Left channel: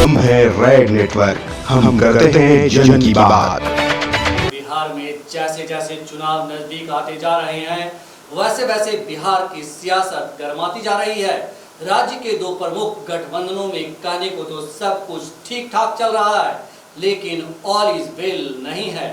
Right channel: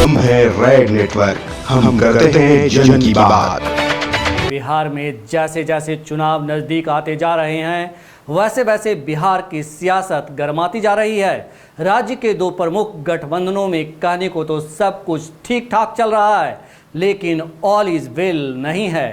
हम हैं red network, हम करते हैं जन की बात। बिहार में जैसे जैसे चुनाव नजदीक आते जा रहे हैं, वैसे वैसे बिहार की सियासत गर्माती जा रही है। राज्य के दो प्रमुख गठबंधनों में कहने को तो सब कुछ ठीक ठाक चल रहा है, लेकिन ऑल इज वेल नहीं है।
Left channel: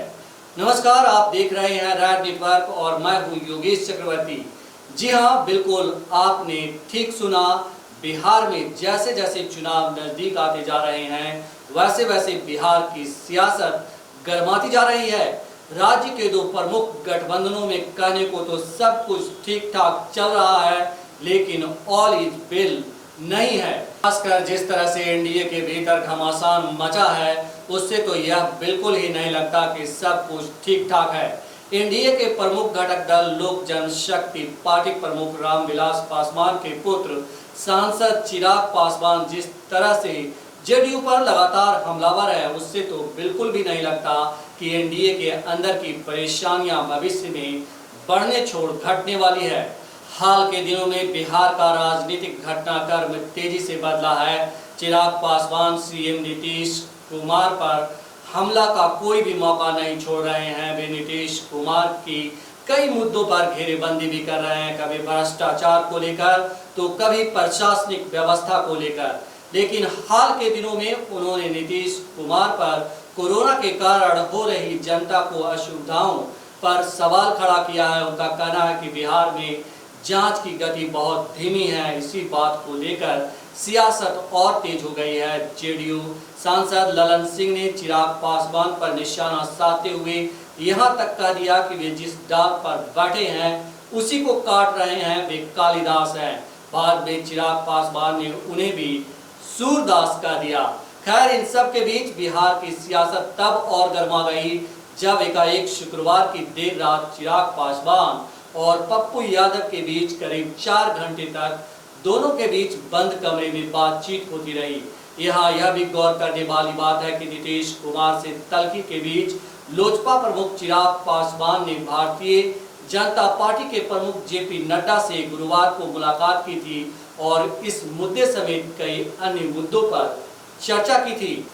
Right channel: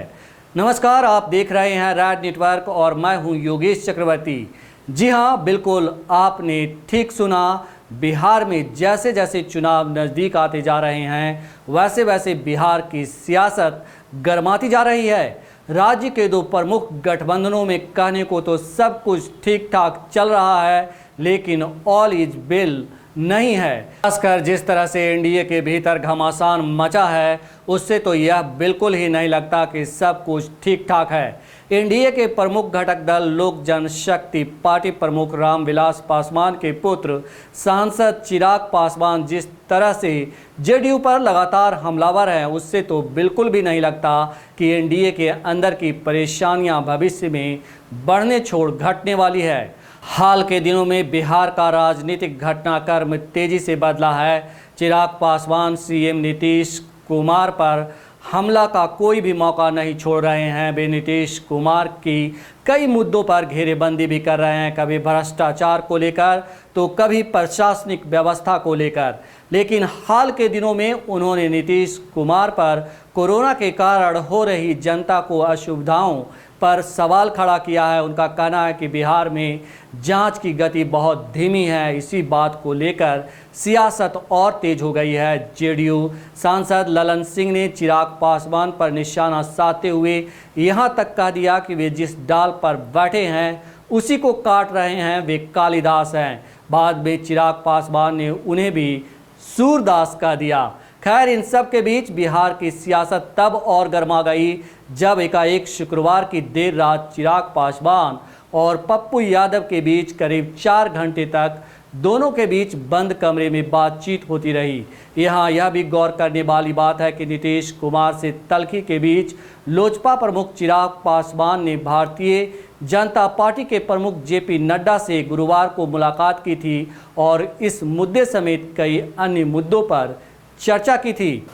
नमस्कार, आप देख रहे हैं रेड नेटवर्क और मैं हूं योगेश चक्रवर्ती। जी हां, बिल्कुल आपने ठीक सुना। बिहार में जैसे जैसे चुनाव नजदीक आते जा रहे हैं, वैसे वैसे बिहार की सियासत गर्माती जा रही है। राज्य के दो प्रमुख गठबंधनों में कहने को तो सब कुछ ठीक ठाक चल रहा है, लेकिन ऑल इज वेल नहीं है। खासकर जिस तरह से एनडीए के भीतर घमासान मचा है, उससे तो यह बिल्कुल ही नहीं लगता कि सब कुछ ठीक ठाक है। एनडीए के प्रमुख घटक दल लोक जनशक्ति पार्टी प्रमुख रामविलास पासवान के पुत्र सांसद चिराग पासवान जिस तरह से जेडीयू पर लगातार हमलावर हैं, उससे तो बिल्कुल भी नहीं लगता कि एनडीए के अंदर की परेशानियां भविष्य में बढ़ने छोड़ घटने वाली है। हाल के दिनों में बिहार का राजनीतिक घटनाक्रम तेजी से बदला है। चिराग पासवान सीएम नीतीश कुमार पर हमला का कोई भी मौका नहीं छोड़ रहे हैं। वे नीतीश कुमार की कई मुद्दों पर घेरेबंदी भी कर रहे हैं, कभी भ्रष्टाचार को लेकर तो कभी प्रशासनिक व्यवस्था को लेकर। लेकिन हाल के दिनों में उन्होंने नीतीश कुमार पर कोरोना के कारण हो रही जनता को असुविधाओं पर सवाल खड़ा किया है। उनका कहना है कि बिहार में जांच की गति बहुत धीमी है। इसी बात को लेकर सियासत और तेज हो गई है। जेडीयू सांसद ललन सिंह ने चिराग पासवान पर निशाना साधते हुए यहां तक कह दिया कि वे जिस डाल पर बैठे हैं उसी को काट रहे हैं, वे कालिदास हैं। बाद में चिराग पासवान ने उन्हें भी सूरदास कह दिया। खैर, इन सब के बीच बिहार की सियासत तब और गर्मा गई जब एकाएक शुक्रवार की देर रात चिराग पासवान और पप्पू यादव के बीच करीब 4 घंटे तक दोनों के बीच बंद कमरे में बातचीत होती रही। यहाँ यह भी गौर करने वाली बात है कि नीतीश कुमार से तल्खी के बीच लोजपा प्रमुख चिराग पासवान ने भारतीय जनता पार्टी के प्रमुख जेपी नड्डा से गुरुवार को मुलाकात की थी और इस मुद्दे समेत कई अन्य मुद्दों पर चर्चा की थी।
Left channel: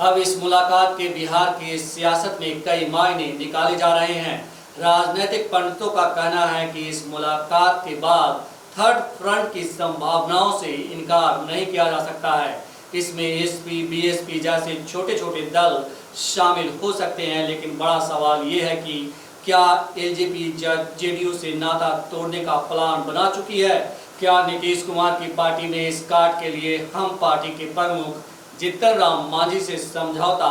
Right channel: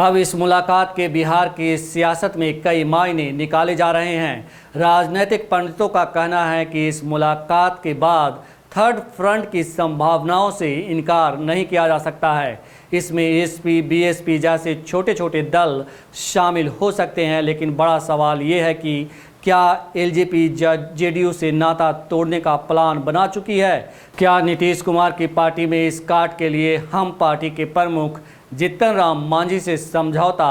अब इस मुलाकात के बिहार की सियासत में कई मायने निकाले जा रहे हैं। राजनीतिक पंडितों का कहना है कि इस मुलाकात के बाद थर्ड फ्रंट की संभावनाओं से इनकार नहीं किया जा सकता है। इसमें एसपी बीएसपी जैसे छोटे छोटे दल शामिल हो सकते हैं, लेकिन बड़ा सवाल ये है कि क्या एलजेपी जेडीयू से नाता तोड़ने का प्लान बना चुकी है? क्या नीतीश कुमार की पार्टी में इस काट के लिए हम पार्टी के प्रमुख जीतन राम मांझी से समझौता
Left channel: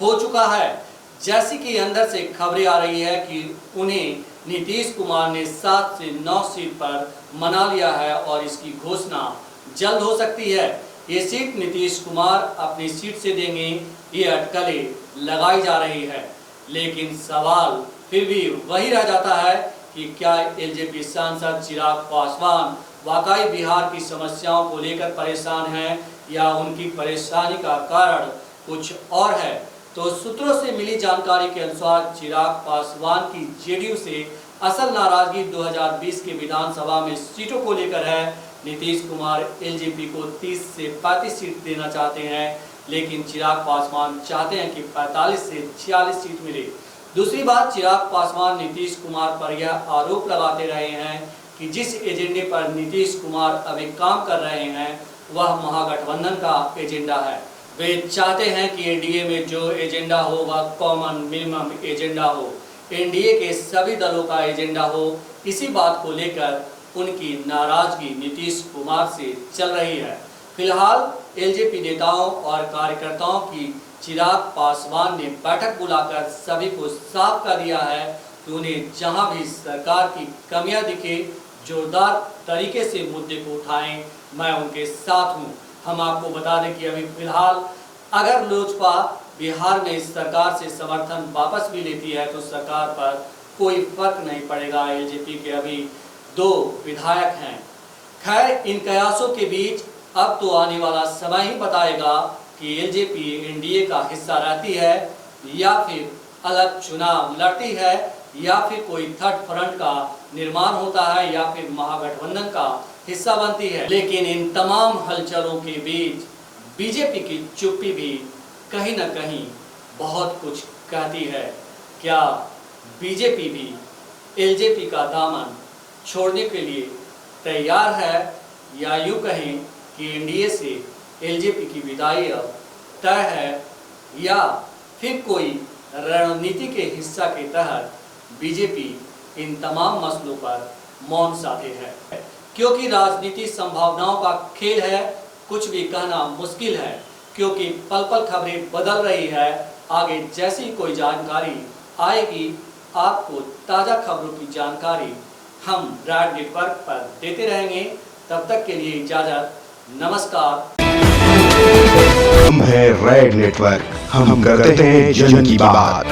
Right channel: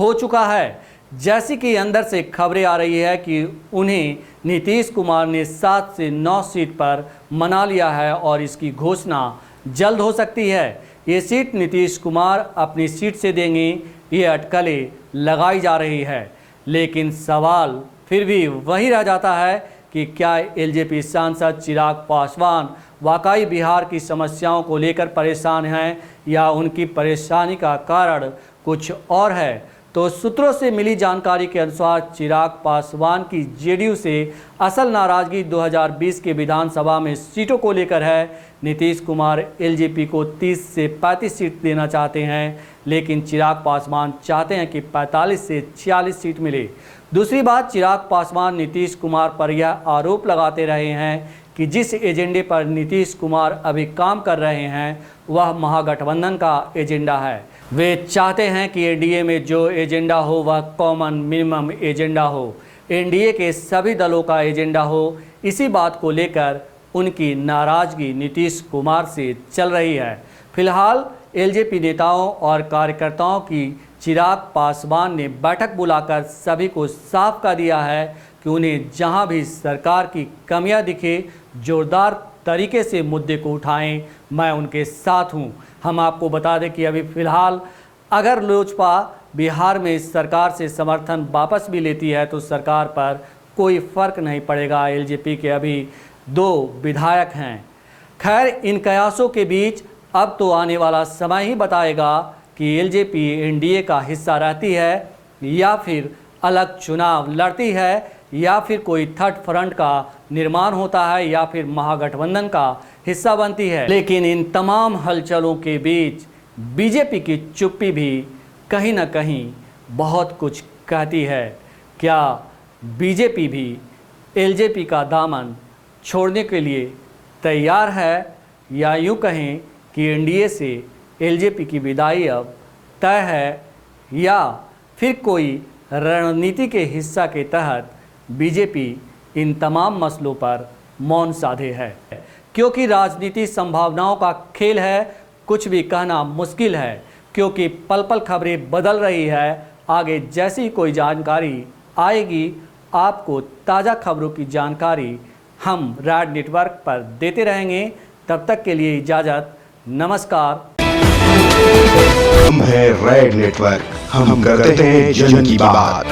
हो चुका है? जैसी कि अंदर से खबरें आ रही है कि उन्हें नीतीश कुमार ने 7 से 9 सीट पर मना लिया है और इसकी घोषणा जल्द हो सकती है। ये सीट नीतीश कुमार अपनी सीट से देंगे, ये अटकलें लगाई जा रही है। लेकिन सवाल फिर भी वही रह जाता है कि क्या एलजेपी सांसद चिराग पासवान वाकई बिहार की समस्याओं को लेकर परेशान हैं या उनकी परेशानी का कारण कुछ और है? तो सूत्रों से मिली जानकारी के अनुसार चिराग पासवान की जेडीयू से असल नाराजगी 2020 के विधानसभा में सीटों को लेकर है। नीतीश कुमार एलजेपी को 30 से 35 सीट देना चाहते हैं, लेकिन चिराग पासवान चाहते हैं कि 45 से 46 सीट मिले। दूसरी बात, चिराग पासवान नीतीश कुमार पर यह आरोप लगाते रहे हैं कि जिस एजेंडे पर नीतीश कुमार अभी काम कर रहे हैं वह महागठबंधन का एजेंडा है। वे चाहते हैं कि एनडीए में जो एजेंडा हो वह कॉमन मिनिमम एजेंडा हो, एनडीए के सभी दलों का एजेंडा हो। इसी बात को लेकर उनकी नाराजगी नीतीश कुमार से चल रही है। फिलहाल एलजेपी नेताओं और कार्यकर्ताओं की चिराग पासवान ने बैठक बुलाकर सभी को साफ कर दिया है कि उन्हें जहां भी सरकार की कमियां दिखे, जोरदार तरीके से मुद्दे को उठाएं, मैं उनके साथ हूं। हम आपको बता दें कि अभी फिलहाल अगर लोजपा बिहार में इस सरकार से समर्थन वापस भी लेती है तो सरकार पर कोई फर्क नहीं पड़ेगा। एलजेपी के अभी 2 विधायक हैं। खैर, इन कयासों के बीच अब तो आने वाला समय ही बताएगा कि एलजेपी एनडीए का हिस्सा रहती है या फिर अलग चुनाव लड़ती है या फिर कोई थर्ड फ्रंट का निर्माण होता है या फिर महागठबंधन का हिस्सा बनती है। लेकिन इन तमाम हलचलों के बीच बीजेपी की चुप्पी भी कहीं न कहीं बहुत कुछ कहती है। क्या बीजेपी भी एलजेपी का दामन छोड़ने के लिए तैयार है, या यूँ कहें कि एनडीए से एलजेपी की विदाई अब तय है, या फिर कोई रणनीति के हिस्सा के तहत बीजेपी इन तमाम मसलों पर मौन साधे है। क्योंकि राजनीति संभावनाओं का खेल है, कुछ भी कहना मुश्किल है, क्योंकि पल पल खबरें बदल रही है। आगे जैसी कोई जानकारी आएगी, आपको ताज़ा खबरों की जानकारी हम रैड नेटवर्क पर देते रहेंगे। तब तक के लिए इजाज़त, नमस्कार। हम है रेड नेटवर्क, हम करते हैं जन की बात।